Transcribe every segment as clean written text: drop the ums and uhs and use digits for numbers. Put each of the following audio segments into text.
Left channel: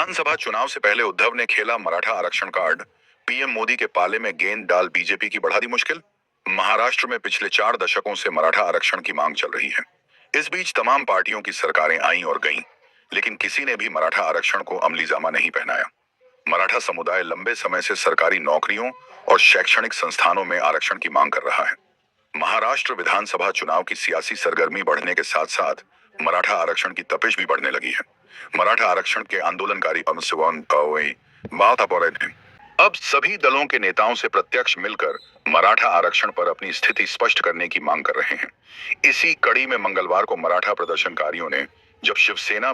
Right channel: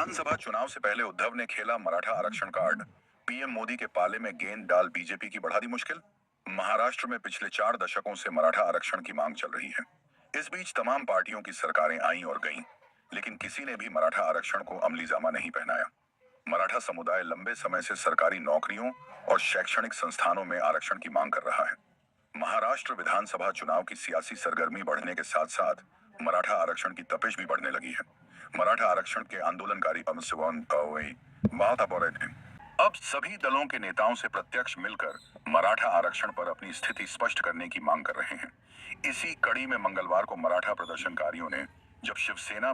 विधानसभा चुनाव से पहले उद्धव ने खेला मराठा आरक्षण कार्ड। पीएम मोदी के पाले में गेंद डाल बीजेपी की बढ़ा दी मुश्किल। महाराष्ट्र में पिछले 4 दशकों से मराठा आरक्षण की मांग चल रही है। इस बीच तमाम पार्टियों की सरकारें आईं और गईं, लेकिन किसी ने भी मराठा आरक्षण को अमली जामा नहीं पहनाया। मराठा समुदाय लंबे समय से सरकारी नौकरियों और शैक्षणिक संस्थानों में आरक्षण की मांग कर रहा है। महाराष्ट्र विधानसभा चुनाव की सियासी सरगर्मी बढ़ने के साथ साथ मराठा आरक्षण की तपिश भी बढ़ने लगी है। मराठा आरक्षण के आंदोलनकारी अब सभी दलों के नेताओं से प्रत्यक्ष मिलकर मराठा आरक्षण पर अपनी स्थिति स्पष्ट करने की मांग कर रहे हैं। इसी कड़ी में मंगलवार को मराठा प्रदर्शनकारियों ने जब शिवसेना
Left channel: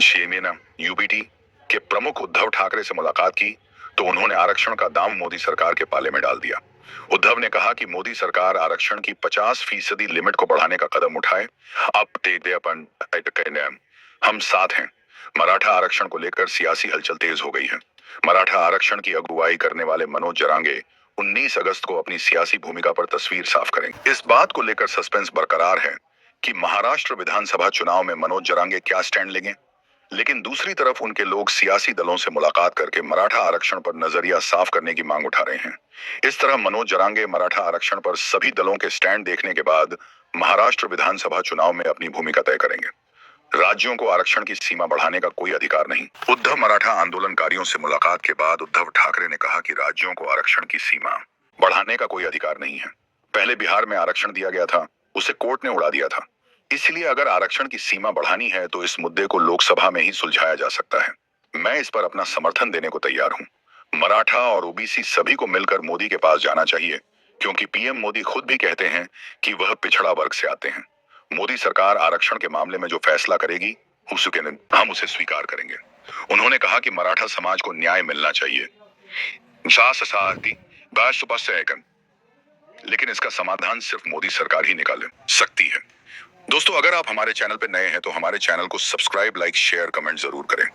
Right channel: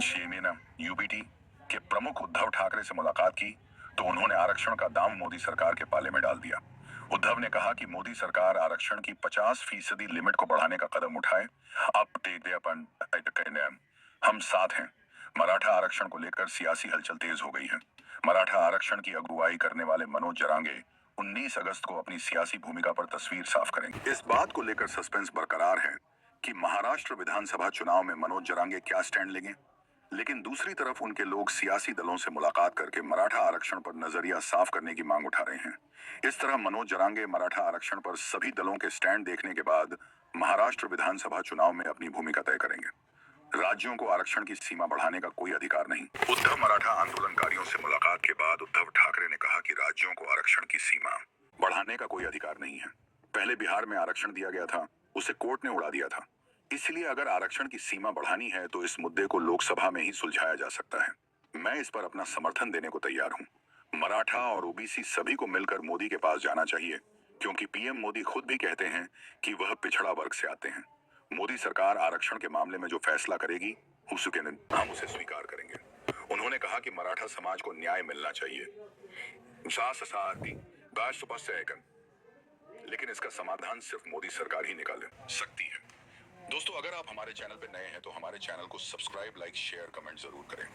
शिवसेना यूबीटी के प्रमुख उद्धव ठाकरे से मुलाकात की, तो उन्होंने आरक्षण का दाम मोदी सरकार के पाले में डाल दिया। उद्धव ने कहा कि मोदी सरकार आरक्षण की 50% लिमिट को बढ़ाने का कदम उठाए। हम साथ हैं। मराठा आरक्षण को लेकर सियासी हलचल तेज हो गई है। मराठा आरक्षण की अगुवाई करने वाले मनोज जरांगे 19 अगस्त को अपनी सियासी भूमिका पर तस्वीर साफ करेंगे। इस बात को लेकर सस्पेंस बरकरार है कि महाराष्ट्र विधानसभा चुनाव में मनोज जरांगे क्या स्टैंड लेंगे, लेकिन दूसरी तरफ उनके लोग सियासी दलों से मुलाकात करके मराठा आरक्षण पर नजरिया साफ करने की मांग उठा रहे हैं। इस तरह मनोज जरांगे मराठा आरक्षण पर सभी दलों के स्टैंड देखने के बाद महाराष्ट्र विधानसभा चुनाव में अपनी भूमिका तय करेंगे। राज्यों को आरक्षण की सीमा बढ़ाने का कोई अधिकार नहीं। उद्धव मराठा आंदोलनकारियों से मुलाकात के बाद उद्धव ठाकरे ने कहा कि राज्यों को आरक्षण की सीमा बढ़ाने का कोई अधिकार नहीं है। पहले बिहार में आरक्षण दिया गया था, उसे कोर्ट ने उड़ा दिया था। इसलिए अगर आरक्षण की सीमा बढ़ानी है तो इस मुद्दे को लोकसभा में ही सुलझाया जा सकता है। मैं इस पर अपना समर्थन देने को तैयार हूँ। मराठा और ओबीसी सभी को मिलकर मोदी के पास जाना चाहिए, क्योंकि पीएम मोदी खुद भी कहते हैं कि वह पिछड़ा वर्ग से आते हैं। मोदी सरकार आरक्षण के मामले में जो फैसला करेगी हम उसे स्वीकार करेंगे। उन्होंने कहा कि मराठा समाज को न्याय मिलना चाहिए, लेकिन इसका समाधान सिर्फ मोदी सरकार ही निकाल सकती है। दोस्तों, अगर आप हमारे चैनल पर नए हैं तो हमारे चैनल को सब्सक्राइब, लाइक, शेयर, कमेंट जरूर करें।